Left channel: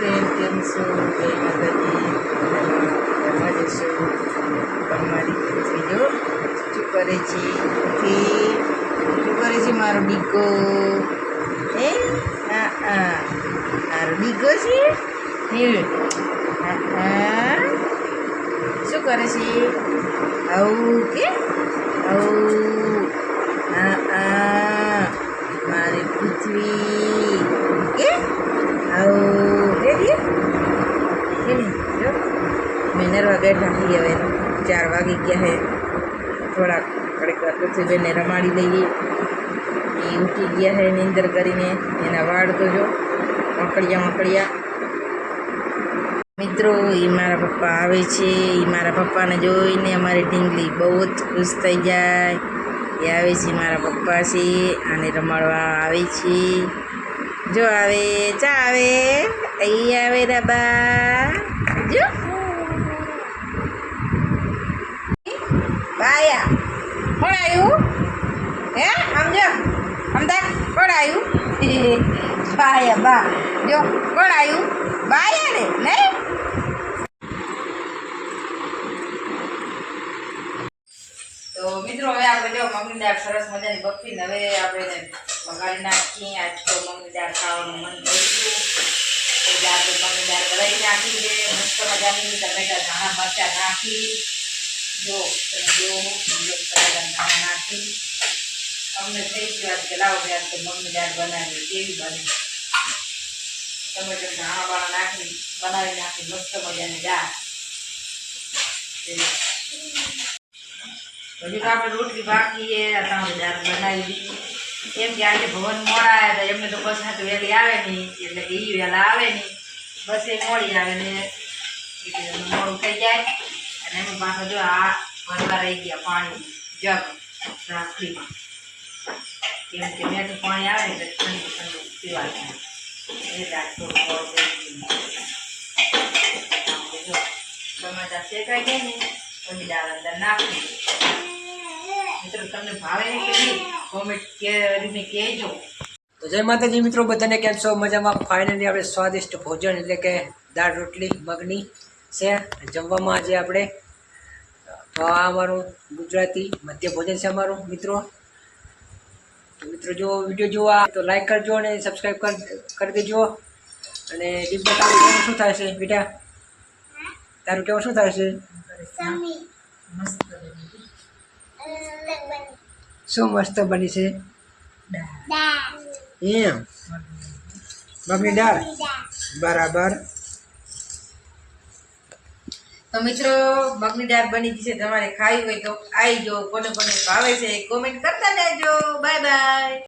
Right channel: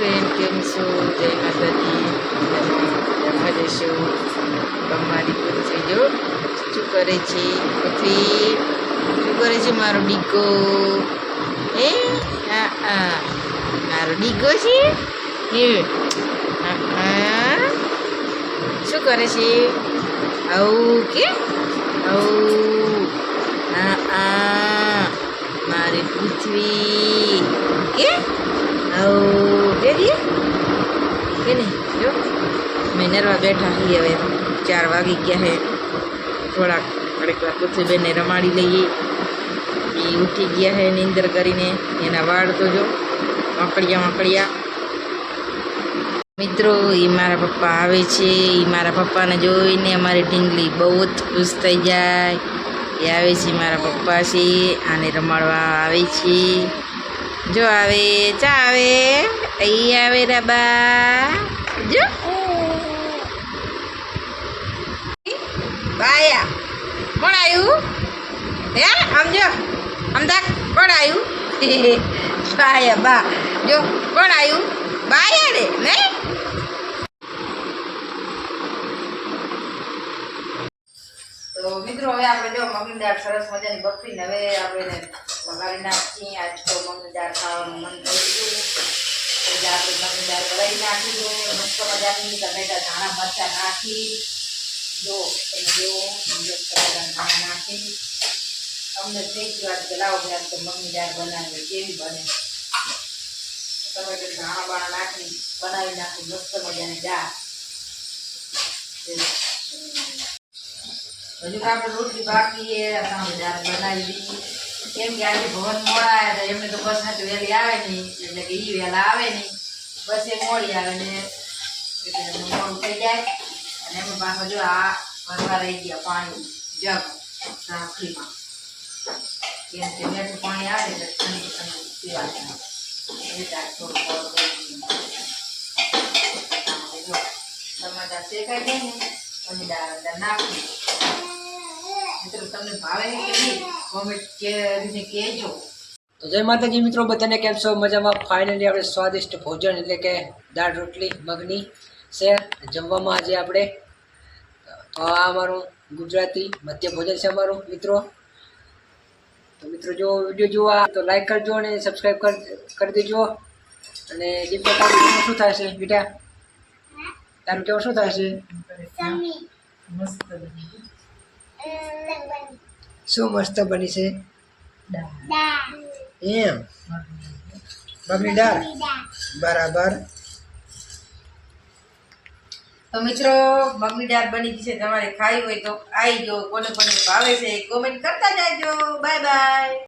Friend, કેમ છો? જય માતાજી. જમવા જઈશું. અમારી પૃથ્વી જો શું કરે છે? પૃથ્વી શું કરે છે? મારો ડીકો એ મારો ડીકો છે શું કરે છે? આવું કે આવું મારી પૃથ્વી કે આવું કે નહીં જો મેં નરવા બેઠા છીએ. હવે 4 વાગી ગયા છે. થોડાક ઘડીક વાર પૃથ્વીબેનને રમાડી લઈએ. એ ઉઠી ગયા છે નીંદર કરીને. એના વાળ તો જો વાંકડિયા મિત્રો. એ મારા પપ્પા આવે છે. એ મારા પપ્પાને જોઈને અમારી ઢીંગલી બહુ જ ખુશ થઈ જાય. એ આવે છે મારા પપ્પા છે. આને રમાડવા આવે છે. જો આવે ચા આવે અહીં આવે રબા જો બાયા કોણ આવ્યું હે? આમ જો આમ તક કોણ આવ્યું? બાયા બા જો કોણ આવ્યું? બાયા ને નહીં. તો મિત્રો હવે આપણે જો મગની દાળ સરસ મજાની બફીને હવે આપણે વઘારી નાખીએ. આજ તો મગની દાળ ખાવાનું મન થયું તો દાળ તો મગની દાળ બનાવી નાખી છે. મસ્ત મજાની ટમેટા ધાણા મરચાં નાખી જો તમે જો ટમેટા ધાણા નાખી અમને થઈ ગયો આજ કે લાવો ભાઈ આજ તો મગની દાળ બનાવી કેવી બને. ટમેટા ધાણા બાણા નાખી બનાવી નાખી મસ્ત મજાની દાળ. હજુ તો આપણે રોટલી બાકી આપણે દાળ બનાવી દીધી. કેમ કે આજે ભવન મોડા આવ્યા હતા. એમને તો બસ તો વહેલી આવે નહીં એટલે કે એ વહેલા આવે નહીં. બસ એ મોડી આવે ને એટલે મોડું થઈ જાય. અને એમાં પાછા જો આ ભરવા રહી ગયા પાણી જગ રાખડીમાં. કેમ કે મીઠું પાણી આવે એટલે ઠંડુ ઠંડુ પીવા જાય એટલે આ થોડું જો ટમાટા શેકાઈ જાય ને પછી દાળ અંદર નાખી. મિત્રો તમને ભાવે ને કે નહીં કોમેન્ટ કરીને કહેજો. તો જય માતાજી મિત્રો, બધાને કેમ છો? મજામાં. ફાઇનલી આપણે સ્વાદિષ્ટ ભોજન એટલે કે દાળ રોટલી મગની છે જમવામાં આજે આપણે. તો આ અમારું ગુજરાતી મધ્ય ભોજન છે અમારું મિત્રો. તો મિત્રો જો વિડીયો જોવા તો લાઈક કરજો અને સબસ્ક્રાઈબ કરી દેજો. અને દીપક તારું શું થાય છે બેટા? તારું કેવું શું થાય છે? શું મસ્ત બની છે એમ મગની દાળ બરાબર. તો મિત્રો મગની દાળ બની ગઈ છે. તમારે ખાવી હોય તો આવી જો. કોને કોને ભાવે છે કોમેન્ટ કરતા જાજો. Bye bye.